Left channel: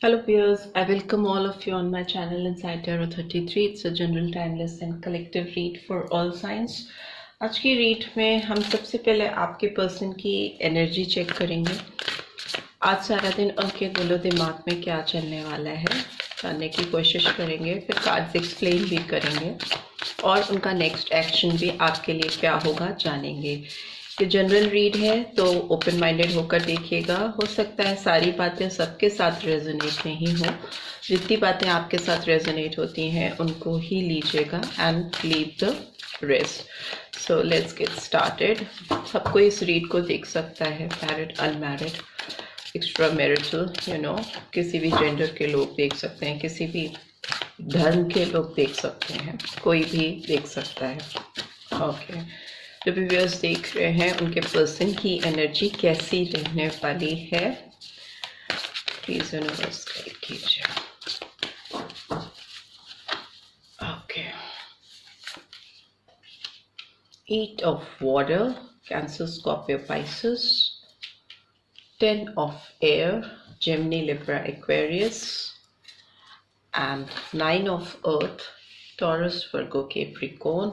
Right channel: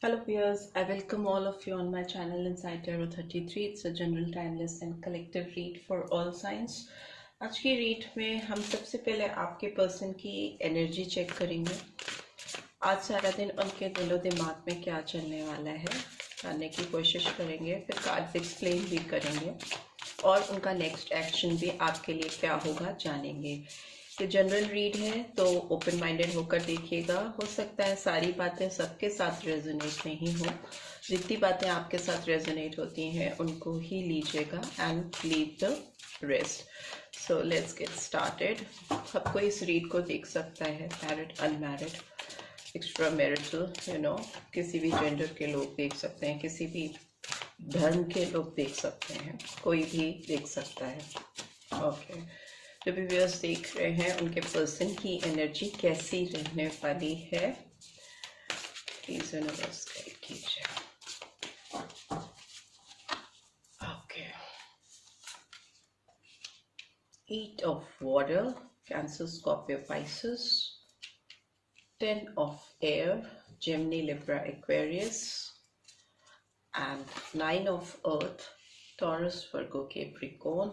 Hello viewers, I welcome all of you on my channel Inside Tarot 33. It's a general timeless and collective read for all signs. आज की read में हम सबसे पहले आपके person की एनर्जी चेक करेंगे। आज सारा दिन उनके दिलो दिमाग में क्या चलने वाला है जानने की कोशिश करेंगे, फिर कार्ड्स एक्सप्लेन भी करेंगे और उनका नेक्स्ट एक्शन भी आपके लिए क्या होगा जानेंगे। ये जनरल रीड है तो ओपन माइंडेड होकर देखिएगा। हो सकता है सारी बातें सबके साथ रेजोनेट नहीं हो, जितनी बातें आपके साथ रेजोनेट होती हैं उनको ही लीजिएगा and leave the rest. So let's get started. सबको इस रीड को देख सकता है, मैरिड, अनमैरिड, एक्स्ट्रा मैरिटल, किसी भी जेंडर के लोग देख सकते हैं, किसी भी धर्म के लोग देख सकते हैं, कोई भी देख सकता है। ओके, जो भी व्यूअर्स देख रहे हैं उनके पर्सन की एनर्जी कैसी रहने वाली है, प्लीज यूनिवर्स गाइड कीजिए। Okay, eight of water, Cancer, Scorpio, Pisces, 10 of air, Gemini, Libra, Aquarius, and 9 of earth, Taurus, Virgo, Capricorn,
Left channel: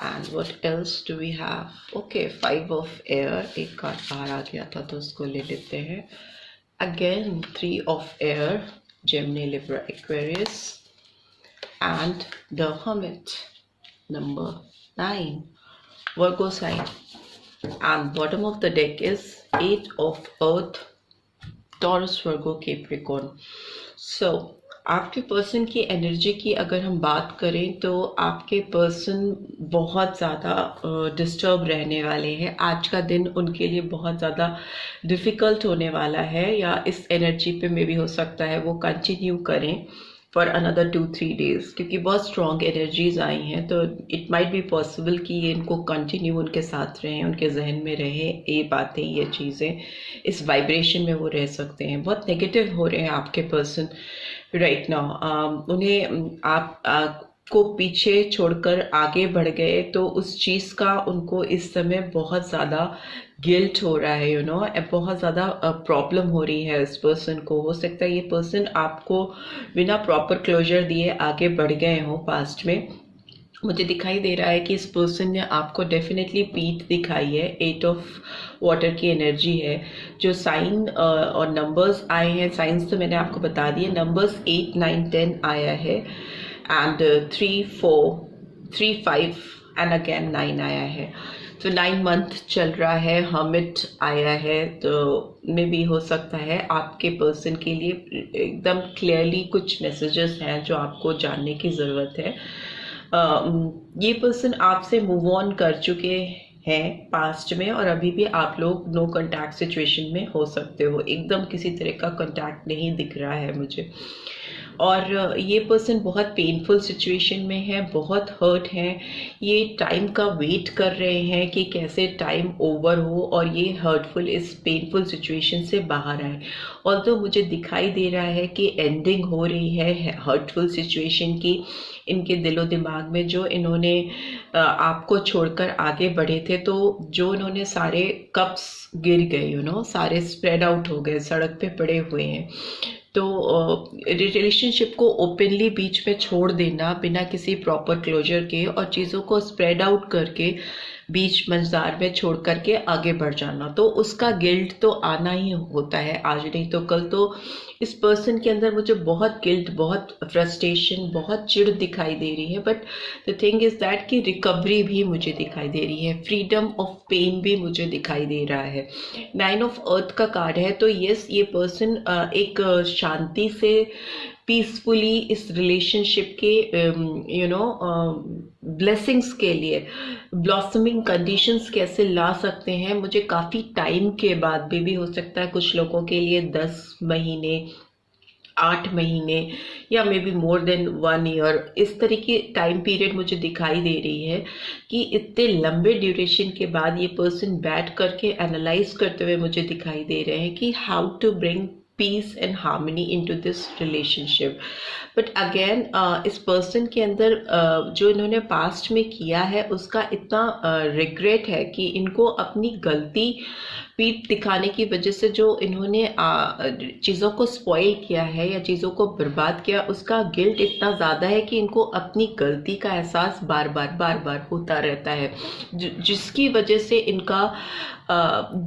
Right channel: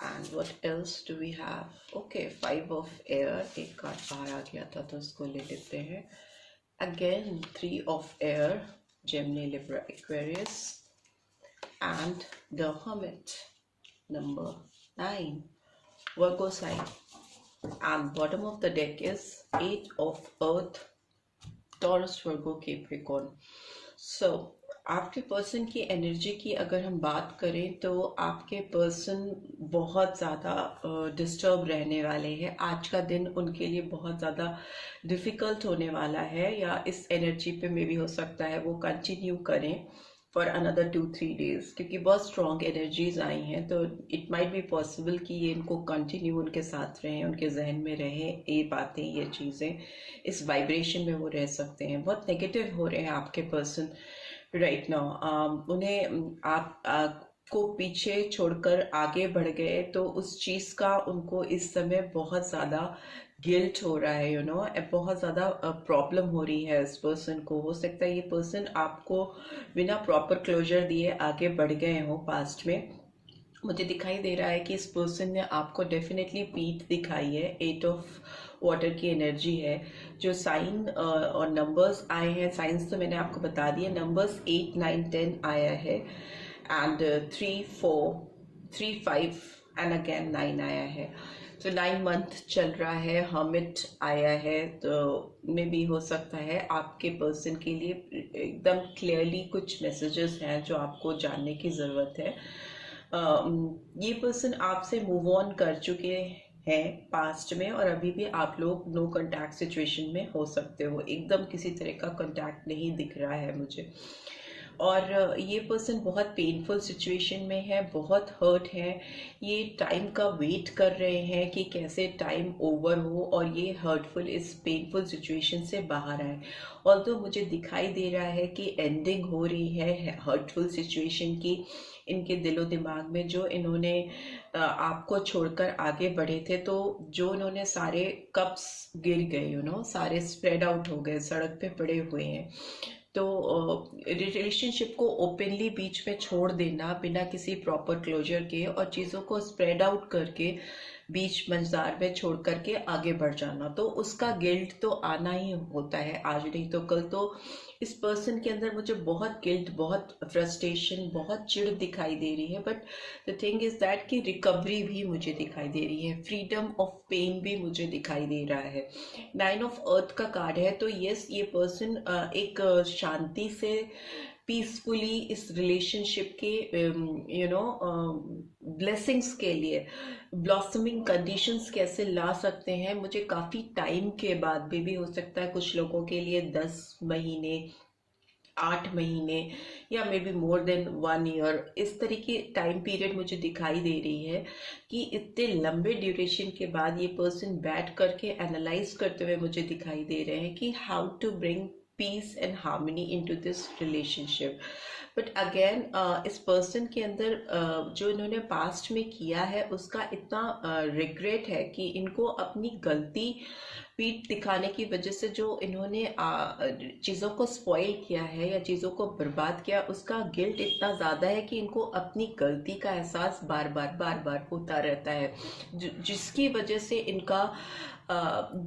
and what else do we have? Okay, 5 of air, एक card बाहर आ गया था तो उसको ले लेते हैं। Again 3 of air, Gemini, Libra, Aquarius, and the Hermit, number 9, Virgo sign, and bottom of the deck is 8 of earth, Taurus, Virgo, Capricorn. So आपके पर्सन की एनर्जी की अगर हम बात करें तो आपके पर्सन बहुत ज़्यादा डिस्टर्ब रहने वाले हैं। आज का दिन उनके लिए बहुत ज़्यादा डिफ़िकल्ट होने वाला है, या इस एनर्जी पे मे भी हो सकता है वो कंटिन्यू करें फॉर अनदर 2-3 डेज, क्योंकि बहुत स्ट्रॉन्ग एनर्जीज आई हैं। तो इट माइट बी पॉसिबल कि ये इनको कंटिन्यू उनके साथ रहें, उनके जहन में रहे ये बातें, ये चीज़ें, इस वाइब्रेशन में वो रह सकते हैं। बहुत नेगेटिव हो रहे हैं आपके पर्सन राइट नाउ। उन्हें आप को पीछे छोड़कर आगे बढ़ गए तो उस चीज़ का उनको इस समय बहुत ज़्यादा गिल्ट हो रहा है, बहुत ज़्यादा प्रॉब्लम हो रही है इस पर्सन को। हो सकता है ये पर्सन आपको बिना प्रॉपर क्लोजर दिए आगे बढ़ गए हों पास्ट में। मुझे दिखाई दे रहा है कि इस पर्सन ने आपको डेफिनेटली पीठ दिखाई है। 8 ऑफ वाटर की एनर्जी है। जो साइन और नंबर्स आए हैं, साइंस तो मैंने आपको बता दिए, नंबर्स 8, 9, 10 आया है, एंड 3, 4, 3, 5 एंड अगेन 9 आया है। तो 9 मंथ चल रहा है, हर्मिट आया है, तो मे भी हो सकता है आपके पर्सन के लिए एकदम क्लियरली कुछ मैसेजेस हैं जो आपको जानने की ज़रूरत है। ये पर्सन आपसे मूव ऑन कर चुके हैं पास्ट में, और अभी भी आप लोग नो कांटेक्ट सिचुएशन में हो सकते हो। एकदम किसी तरह का कांटेक्ट नहीं दिख रहा है मुझे। और ये पर्सन बहुत पेनफुल सिचुएशन में है, बहुत हर्ट है। ये टाइम का वेट कर रहे हैं कि कैसे टाइम ओवर हो और ये हर्टफुल, इस पेनफुल सिचुएशन से बाहर आए। और तो मुझे दिखाई दे रहा है कि एंडिंग हो रही है हर्टफुल सिचुएशन की। इनके दिलो दिमाग में जो इन्होंने आपको छोड़कर आगे बढ़े थे, तो जो इन्होंने सारे कप्स गिर गए, सारे स्प्रेड आउट हो गए, सड़क पे पड़े हुए हैं। तो रिलेशनशिप को ओपनली बीच में छोड़ देना बिना किसी प्रॉपर क्लोजर के, और चीज़ों को स्प्रेड आउट करके बीच मंजार में छोड़ करके आगे बढ़ जाना, तो उसका गिल्ट तो आना ही होता है, आज नहीं तो कल। तो इस पर्सन के अंदर मुझे बहुत गिल्ट, बहुत फ्रस्ट्रेशन, बहुत चिढ़ दिखाई दे रही है। But the thing is that कि रिकवरी भी मुझे दिखाई दे रही है, फ्रीडम ऑफ पेन भी मुझे दिखाई दे रहा है। 9 ऑफ अर्थ का कार्ड है, तो यस, ये पर्सन एक शांति से, पीसफुली इस रिलेशनशिप के ब्लेसिंग्स के लिए ब्लॉसमिंग कंडीशंस कैसे ला सकते हैं, मुझे काफ़ी टाइम के बाद भी हो सकता है कुछ लोगों के लिए 10 महीने, 8 महीने, या may be more than 1 year, इस तरह की टाइम पीरियड मुझे दिखाई दे रही है कि इतने लंबे ड्यूरेशन के बाद ये पर्सन बैठ करके एनालाइज करते हुए मुझे दिखाई दे रहे हैं कि how to bring peace and harmony into this relationship. But again इस पर्सन के अंदर जो इन्होंने पास्ट में किया है उसका इतना रिग्रेट है कि इनको अपनी गलती पीठ दिखाने की वजह से जो इन्होंने चीज़ों को स्पॉइल किया है या चीज़ों को बर्बाद किया, उसका गिल्ट इतना ज़्यादा है कि इनको अपनी गलती का एहसास बार बार होता रहता है, जिसकी वजह से इनका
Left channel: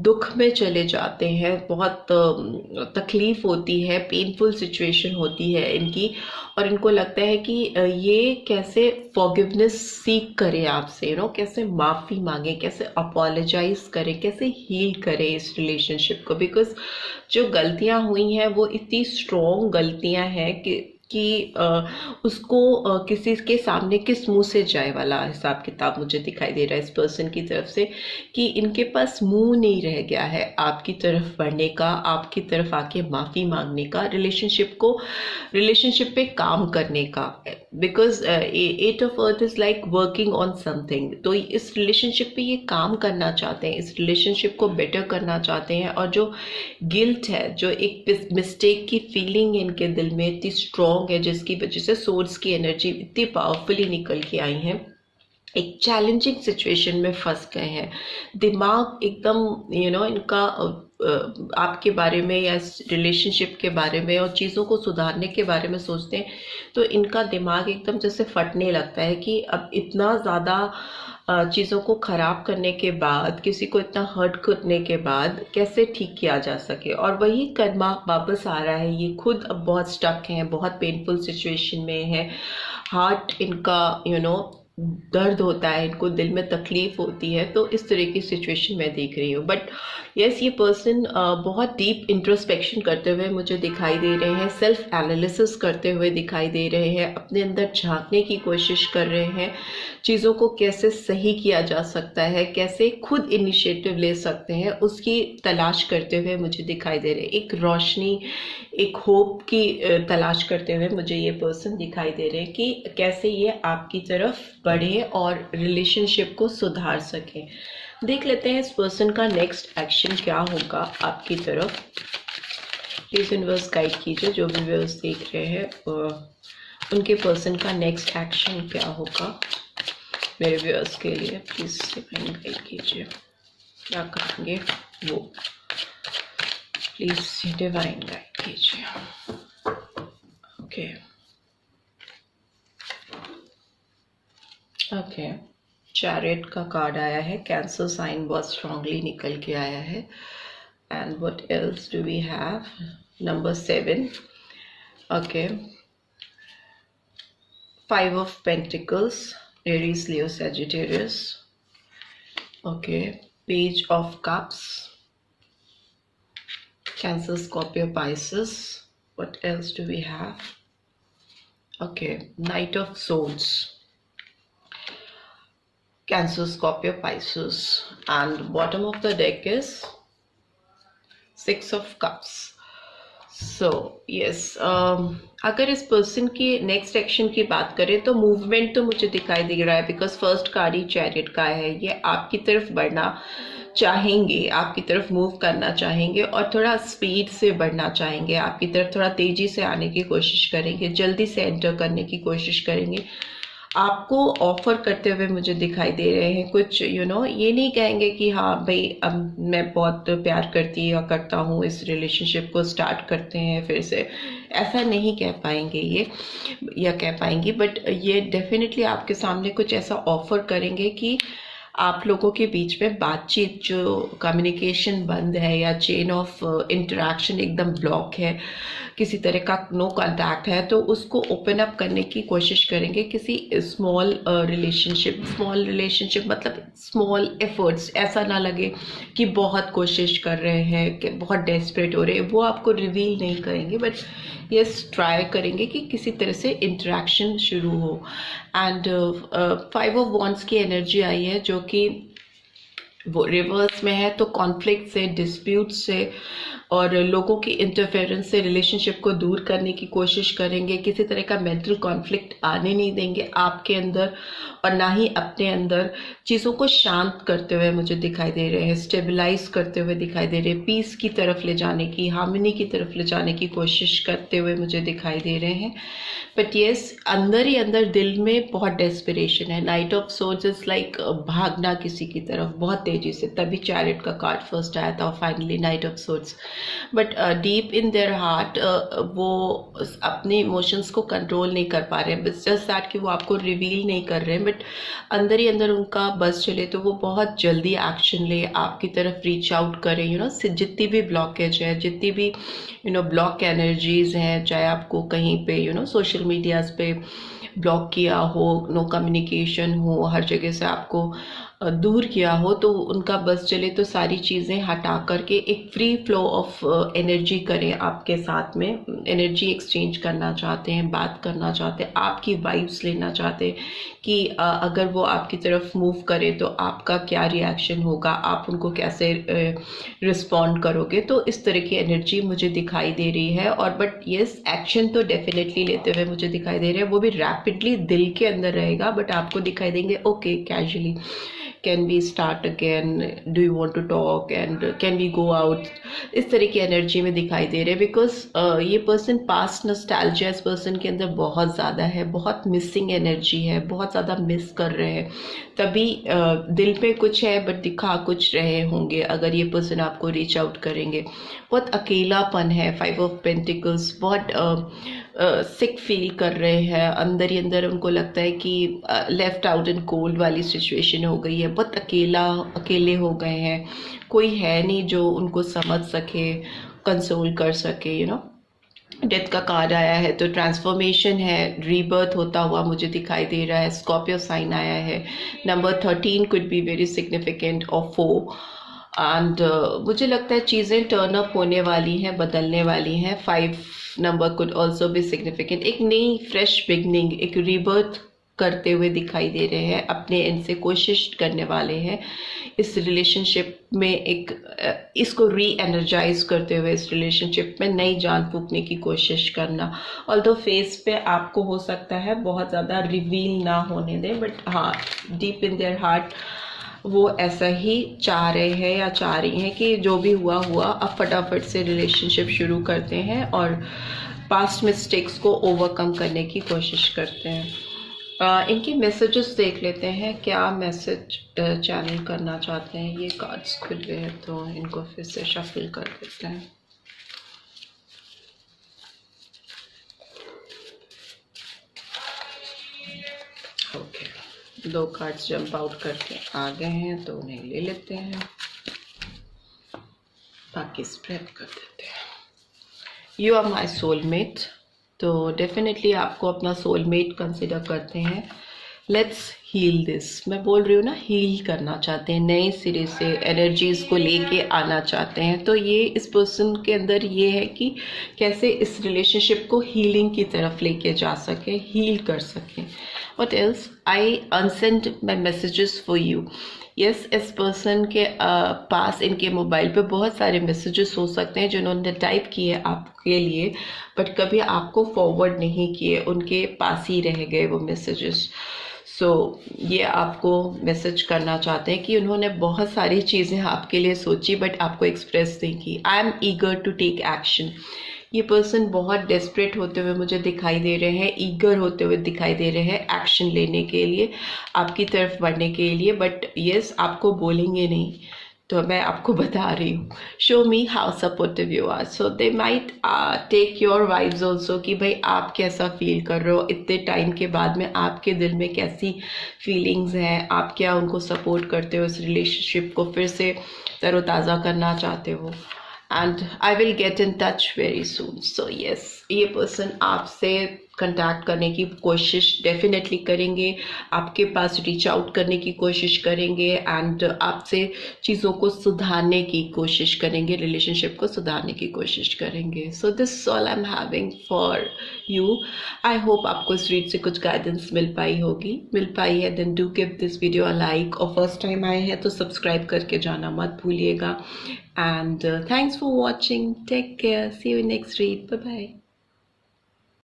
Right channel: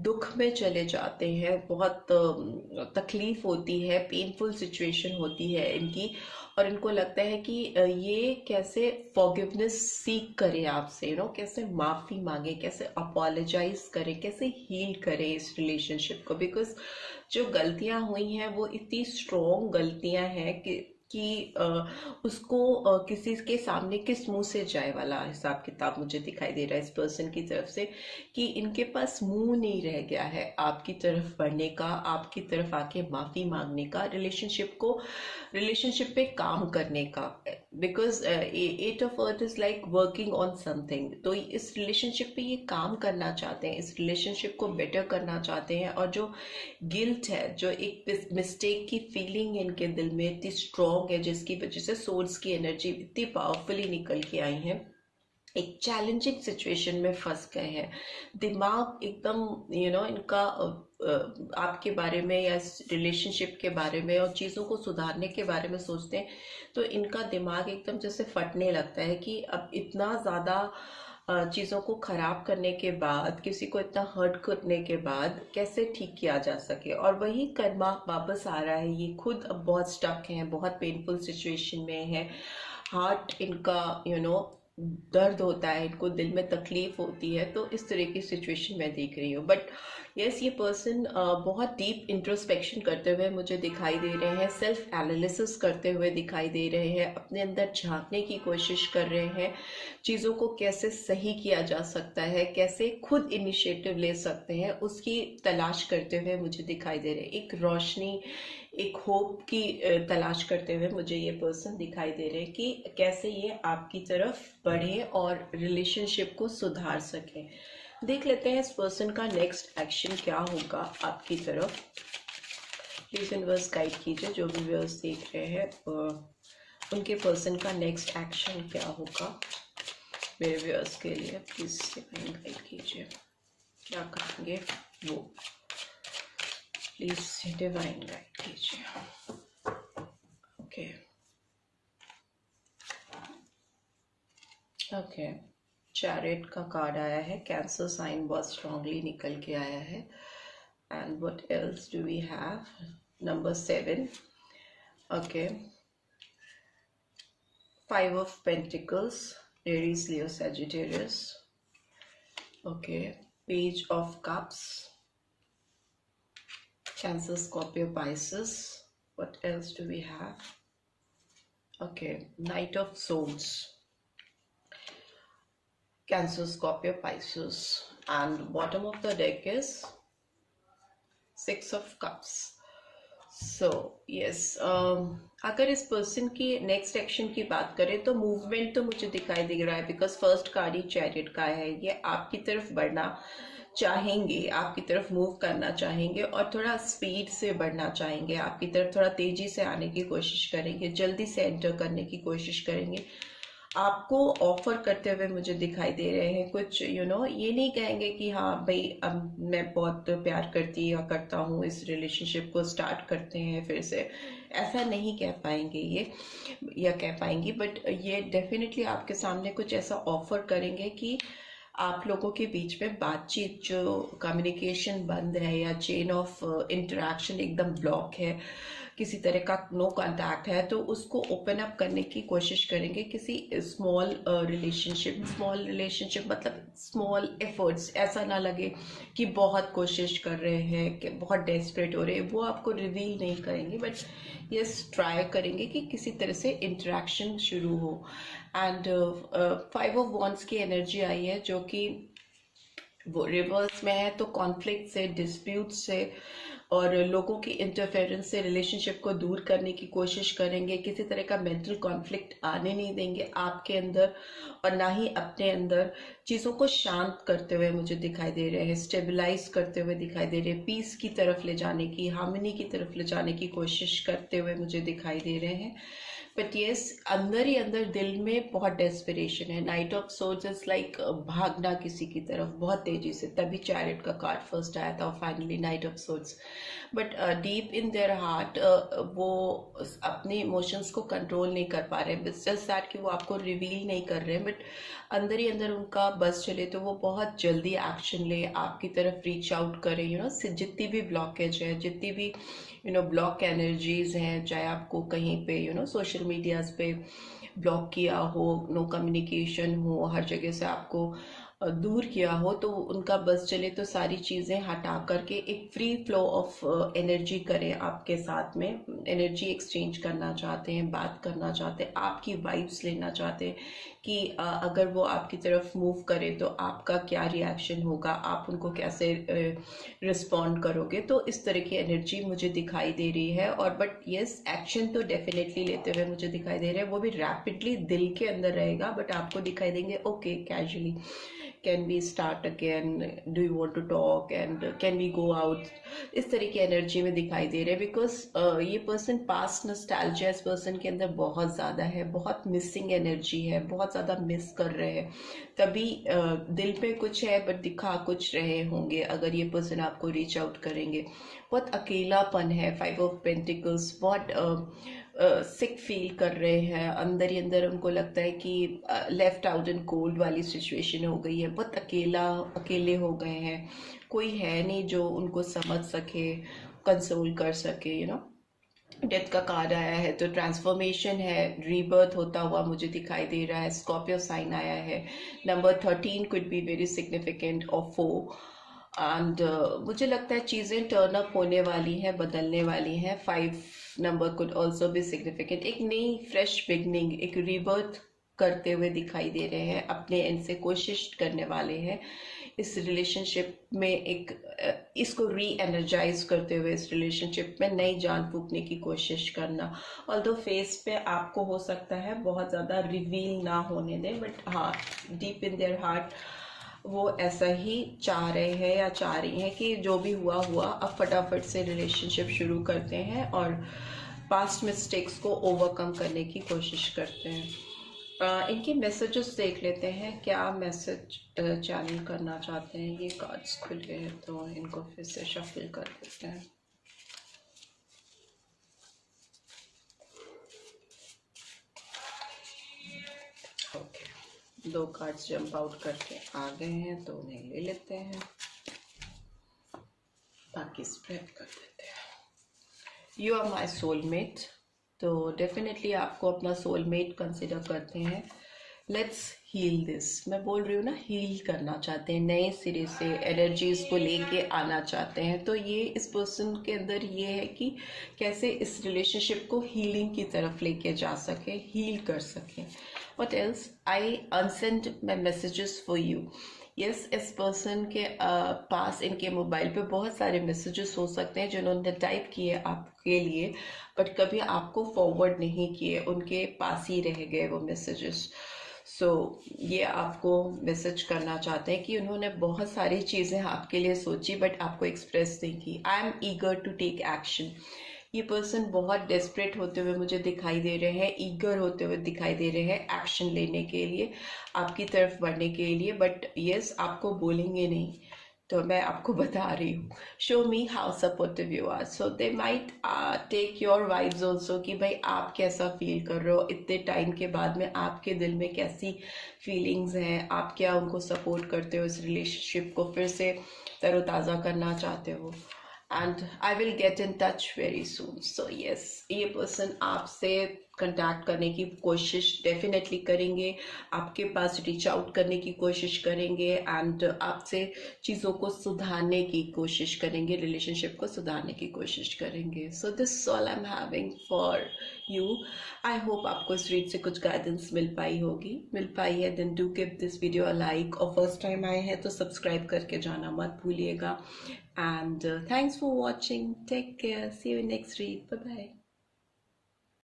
दुख में चले जाते हैं, बहुत तकलीफ होती है, पेनफुल सिचुएशन होती है इनकी, और इनको लगता है कि ये कैसे फॉरगिवनेस सीख करें आपसे, कैसे माफ़ी मांगे, कैसे अपोलोजाइज करें, कैसे हील करें इस रिलेशनशिप को, बिकॉज जो गलतियां हुई हैं वो इतनी स्ट्रॉन्ग गलतियां हैं कि उसको किसी के सामने किस मुंह से जाए वाला हिसाब किताब मुझे दिखाई दे रहा है इस पर्सन की तरफ से, कि इनके पास मुंह नहीं रह गया है आपकी तरफ बढ़ने का, आपकी तरफ आके माफ़ी मांगने का, रिलेशनशिप पे काम करने का, because at of earth is like working on something. तो इस रिलेशनशिप पे ये काम करना चाहते हैं, इस रिलेशनशिप को बेटर करना चाहते हैं, और जो गिल्ट है, जो एक मिस्टेक की फीलिंग इनके दिल में इतनी स्ट्रॉन्ग है, जिसकी वजह से सोर्स की एनर्जी इतनी पावरफुली निकल के आई है, एक चैलेंजिंग सिचुएशन में फंस गए हैं, दिमाग एकदम इनका आपके बारे में या रिलेशनशिप के बारे में और चीज़ों को सुधारने के बारे में सोचते हैं, तो इनका दिमाग एकदम जैसे फटने लगता है कि अब इतना ज़्यादा चीज़ों को ख़राब करने के बाद, किसी को इतना हर्ट करने के बाद कैसे ठीक किया जा सके, और वही कर्मा वापस आ रहा है। ये खुद अब बहुत स्टक हैं, बहुत पेनफुल सिचुएशन में है, हार्ट इनका दर्द होता है, इनको दिल में तकलीफ होती है, तो इस तरह की सिचुएशन मैं देख रही हूँ। बट यस, ये पर्सन बहुत डीप इंट्रोस्पेक्शन करते हुए मुझे दिखाई दे रहे हैं, सेल्फ एनालिसिस करते हुए दिखाई दे रहे हैं, अपने अंदर झांकने की कोशिश कर रहे हैं, चीज़ों को कैसे सही किया जा सकता है, कैसे खुद इनिशिएटिव ले सकते हैं, उसकी तलाश करते हुए मुझे दिखाई दे रहे हैं। एक रोशनी, एक होप की तलाश करते हुए मुझे ये पर्सन दिखाई दे रहे हैं कि कैसे ये आपकी तरफ बढ़े और रिलेशनशिप को सुधार सके। देख लेते हैं इस पर्सन का नेक्स्ट एक्शन क्या होगा आपकी तरफ। प्लीज यूनिवर्स गाइड कीजिए, जो भी व्यूअर्स देख रहे हैं उनके पर्सन का नेक्स्ट एक्शन क्या होगा मेरे व्यूअर्स के लिए। प्लीज डिवाइन गाइड कीजिए, क्या करेंगे वो, प्लीज डिवाइन गाइड कीजिए। ओके, चैरियट का कार्ड आया है, कैंसर साइन बहुत स्ट्रांगली निकल के आया है। And what else do we have, number 7, okay, 5 of Pentacles, Aries, Leo, Sagittarius, okay, Page of Cups, Cancer, Scorpio, Pisces. What else do we have? Okay, Knight of Swords, Cancer, Scorpio, Pisces, and bottom of the deck is 6 of Cups. So yes, अगर इस person की next action की बात करें तो movement तो मुझे दिखाई दे रहा है, because first card he chariot का है। ये आपकी तरफ बढ़ना चाहेंगे, आपकी तरफ मूव करना चाहेंगे और थोड़ा स्पीड से बढ़ना चाहेंगे, आपकी तरफ थोड़ा तेजी से आने की कोशिश करेंगे, जल्दी से एंटर करने की कोशिश करेंगे, आपको ऑफर करते हुए मुझे दिखाई दे रहे हैं कुछ। ये नहीं कहेंगे कि हाँ भाई अब मैं बहुत प्यार करती या करता हूँ, इस रिलेशनशिप को स्टार्ट करते हैं फिर से, ऐसा नहीं कह पाएंगे ये या कह पाएंगी, बट ये डेफिनेटली आपके सामने कुछ ऐसा ऑफर करेंगे कि आप लोगों के बीच में बातचीत, जो कम्युनिकेशन बंद है या चेन ऑफ इंटरेक्शन एकदम ब्लॉक है, किसी तरह का नो कांटेक्ट है, तो उसको ओपन अप करने की कोशिश करेंगे किसी स्मॉल रिलेशनशिप मतलब स्मॉल एफर्ट्स, ऐसा ना लगे कि बहुत कोशिश कर रहे हैं, कि बहुत डेस्परेट हो रहे हैं, वो आपको रिवील नहीं करेंगे, बट यस ट्राई करेंगे कि किसी तरह से इंटरेक्शन शुरू हो। एंड 5 ऑफ वॉन्ड्स की एनर्जी आई है जो कि वो रिवर्स में है, तो कॉन्फ्लिक्ट से, डिस्प्यूट से और लोगों की इंटरफेरेंस से रिलेशनशिप को दूर करने की कोशिश करेंगे, किसी तरह का मेंटल कॉन्फ्लिक्ट आने नहीं देंगे आपके अंदर और ना ही अपने अंदर। चीज़ों को शांत करते हुए मुझे दिखाई दे रहे हैं, स्टेबलाइज करते हुए दिखाई दे रहे हैं, पीस की तरफ ले जाने की, हार्मनी की तरफ ले जाने की कोशिश करते हुए मुझे दिखाई दे रहे हैं। बट येस, अंदर ही अंदर दिल में बहुत डेस्परेशन है। Night of swords is like भागना किसी की तरफ बहुत एनर्जी से, तभी चैरिट का कार्ड फर्स्ट आया था, finally night of swords. But deep in their heart वो अपने इमोशंस को कंट्रोल नहीं कर पा रहे हैं, बस जस्ट दैट कि वो आपको रिवील नहीं कर रहे हैं, बट अंदर ही अंदर उनका बस चले तो वो बहुत जल्दी एक्शन ले, आपकी तरफ रीच आउट करें। जितनी भी ब्लॉकेज है, जितनी भी ब्लॉक एनर्जीज हैं, चाहे आपको कहीं पे सोशल मीडियाज पे ब्लॉक किया हो, नो कम्युनिकेशन हो, हर जगह से आपको दूर किया हो, तो उनका बस चले तो सारी चीज़ें हटा करके एक फ्री फ्लो ऑफ एनर्जी करें आपके साथ में। एनर्जी एक्सचेंज करना चाहते हैं, बात करना चाहते हैं, आपकी वाइब्स लेना चाहते हैं कि अगर वो आपकी तरफ मूव करे तो आपका क्या रिएक्शन होगा, आप उनको कैसे रिस्पॉन्ड करोगे। तो इस तरह की एनर्जी मुझे दिखाई दे रही है। और बट येस, एक्शन तो डेफिनेटली लेते हुए मुझे दिखाई दे रहे हैं, वो भी रैपिडली दिल के अंदर रहेगा, बट आपको दिखाई देंगे okay casually, can we start again, do you want to talk and can we go out, इस तरह की एनर्जी में दिखाई दे रहे हैं। बिकॉज ये पर्सन पास्ट नॉस्टैल्जिया इस पर्सन के अंदर बहुत ज़्यादा है, बहुत मिसिंग एनर्जी है, बहुत ज़्यादा मिस कर रहे हैं, तभी दिल पे कुछ है बट दिखा कुछ रहे होंगे अगर ये पर्सन आपको रीच आउट करेंगे। बहुत अकेलापन है, 5 ऑफ पेंटिकल्स, बहुत सिक फील कर रहे हैं, अंदर ही अंदर उनको लगता है कि लेफ्ट आउट एंड कोल्ड वाली सिचुएशन हो गई है, बहुत अकेले हो गए हैं, कोई है नहीं जो उनको समझ सके, कंसोल कर सके। डेथ का कार्ड आया है तो ट्रांसफॉर्मेशन है, रीबर्थ होता हुआ मुझे दिखाई दे रहा है। स्कॉर्पियो साइन आया है, number 13 could be very significant और 4 एंड मुझे लगता है चीज़ें टर्न अप होने वाली हैं, बदलने वाली हैं। 5 नंबर कुड ऑल्सो भी सिग्निफिकेंट, एक नई फ्रेश बिगनिंग, एक रीबर्थ करते हुए दिखाई दे रहे हैं, अपने एंड से कोशिश करने वाले हैं इस रिलेशनशिप में, एक इसको री एनर्जाइज करते हुए इस रिलेशनशिप में नई जान फूंकने की कोशिश करना। ऑल्दो फेस पे आपको हो सकता है बहुत ज़्यादा रिवील ना होने दें, बट हाँ, डीप इन देयर हार्ट वो ऐसा ही चाह रहे हैं या चाह रही हैं कि जो भी हुआ अब फटाफट से रिलेशनशिप शुरू करते हैं और पास्ट मिस्टेक्स को ओवरकम करने की कोशिश करते हैं। इनके मैसेजेस देख लेते हैं, क्या मैसेज चैनल करना चाहते हैं। ये कार्ड्स खुल गए हैं तो इनको फिर से शफल कर देते हैं। ओके, 2 कार्ड्स जंप आउट करके आ गए हैं तो उन्हें ले लेते हैं, बाकी स्प्रेड कर देते हैं। यू आर माई सोलमेट, तो डेफिनेटली आपको अपना सोलमेट कंसिडर करते हैं। लेट्स हील दिस, मैं बोल रही हूँ ना, हील करना चाहते हैं, नए सिरे से एनर्जीज को लेके आना चाहते हैं। तो ये इस पर्सन के अंदर ये है कि कैसे इस रिलेशनशिप को हीलिंग की तरफ लेके जा सके, हील कर सके। What else, I unsent my messages for you. Yes, इस पर्सन के पास इनके मोबाइल पे बहुत सारे मैसेजेस हो सकते हैं जिन्होंने टाइप किए आपके लिए, बट कभी आपको फॉरवर्ड नहीं किए, उनके पास ही रह गए वो मैसेजेस। सो ये आपको मैसेज करना चाहते हैं कि उन्होंने बहुत सारी चीज़ें आपके लिए सोची बट आपको एक्सप्रेस नहीं की। I am eager to take action. ये पर्सन बहुत डेस्परेट होते हुए मुझे दिखाई दे रहे हैं, ईगर होते हुए दिखाई दे रहे हैं एक्शन लेने के लिए, आपकी तरफ बढ़ने के लिए, बट यस, आपको बोलेंगे नहीं। तो मैं आपको बता रही हूँ, show me how supportive you are, so they might take your vibes also कि भाई आप कैसा फील कर रहे हो, इतने टाइम के बाद में आपके दिल में कैसी फीलिंग्स हैं, आप क्या उनको सपोर्ट करते हो, इस रिलेशनशिप को फिर से तरोताज़ा करना चाहते हो। And I will get in touch very soon. So yes, ये पर्सन आपसे कंटैक्ट करने की कोशिश डेफिनेटली करेंगे, आपके पास रीच आउट करने की कोशिश करेंगे एंड आपसे चीज़ों को सुधारने की कोशिश करेंगे, रिलेशनशिप को सुधारने की कोशिश करेंगे। So this all I am having for you. I hope आपको इस रीड से कुछ गाइडेंस मिल पाई है then do give this video a like, और फर्स्ट टाइम आए हैं तो सब्सक्राइब करके जाना मत भूलिएगा। And thanks for watching, take care, see you in next read, bye bye.